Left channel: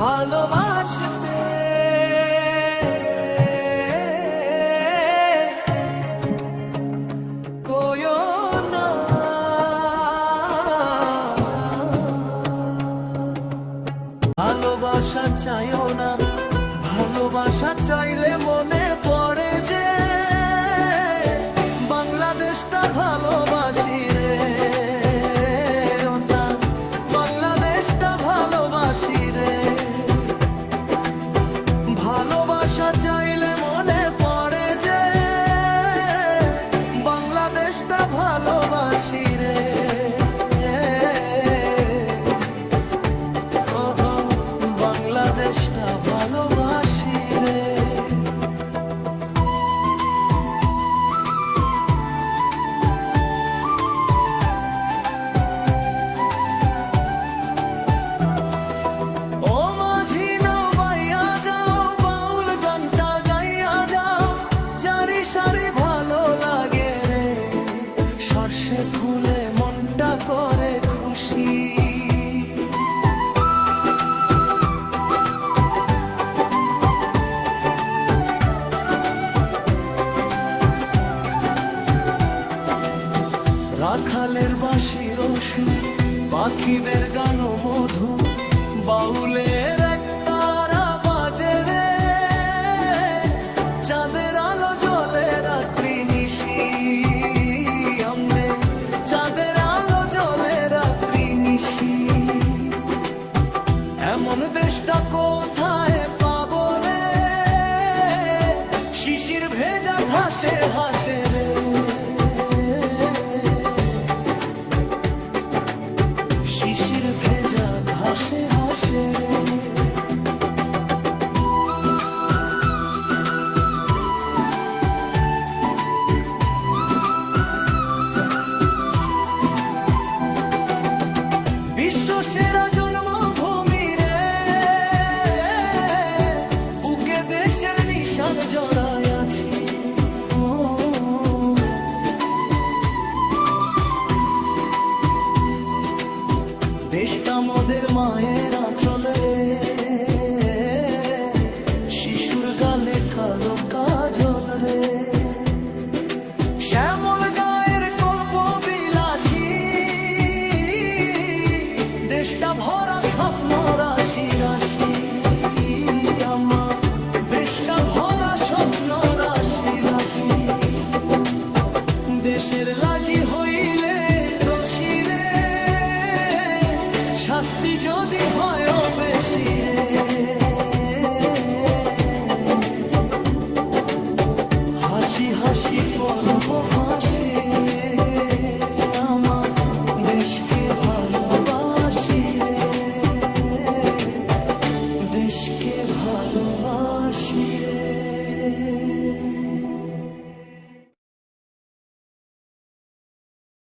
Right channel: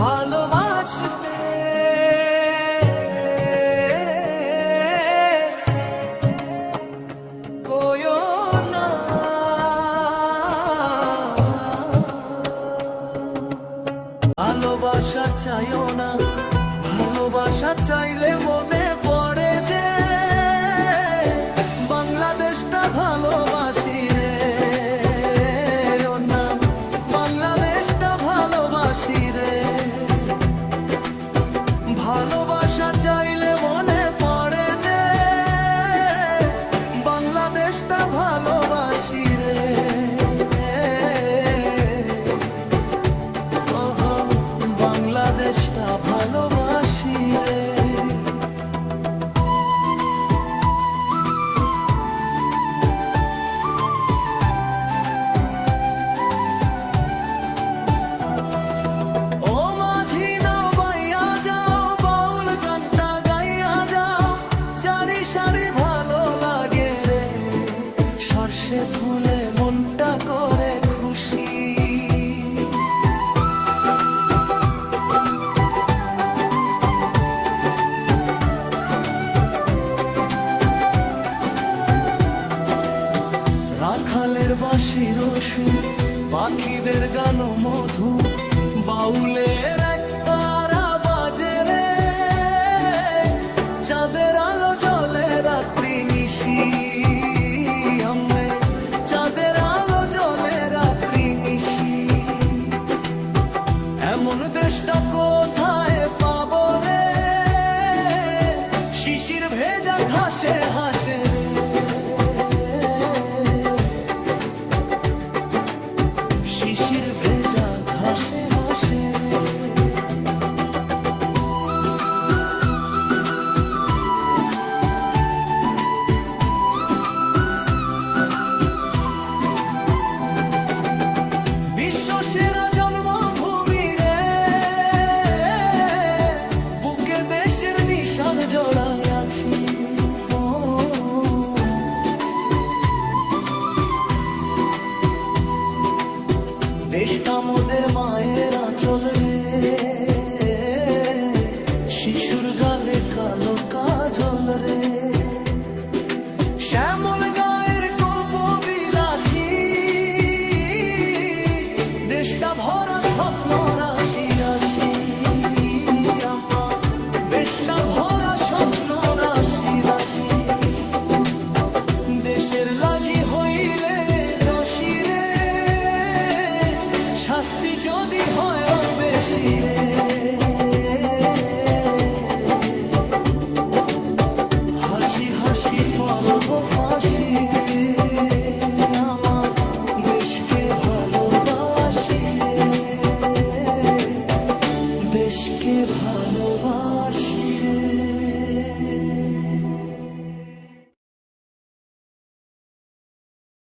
ভালোবাসতে। ভালোবাসা চাইও না ভালোবাসা চাইলে মনে ভালোবাসা চাইলে মনে পড়ে যে বাংলাদেশটা ভালোবাসি রে। বাংলাদেশটা ভালোবাসি রে। ফুলে মনটা করে খুশি। রাখালের বাঁশির সুর পাখিদের গান মধু বাউলের এমন দেশটা কোথায় পাব রে? শিশির ভেজা ঘাসে হাসে রে। শিশির ভেজা ঘাসে হাসে রে। জড়ায় মোদের মায়ের আঁচল রে। শিশুর গালে কালো কাজল রে। শ্যামল গায়ের কল্প বিলাসী দেশটা ভরা স্বপ্ন রাশি রাশি। আমার দেশটা ভরা স্বপ্ন রাশি রাশি দেশের লাগি হইলে দোষী রে। শাস্তি যদি হয় বেশি রে। হাসি হাসি পর্ব ফাঁসি। আমার দেশকে ভালোবাসি রে। দেশকে ভালোবাসি রে।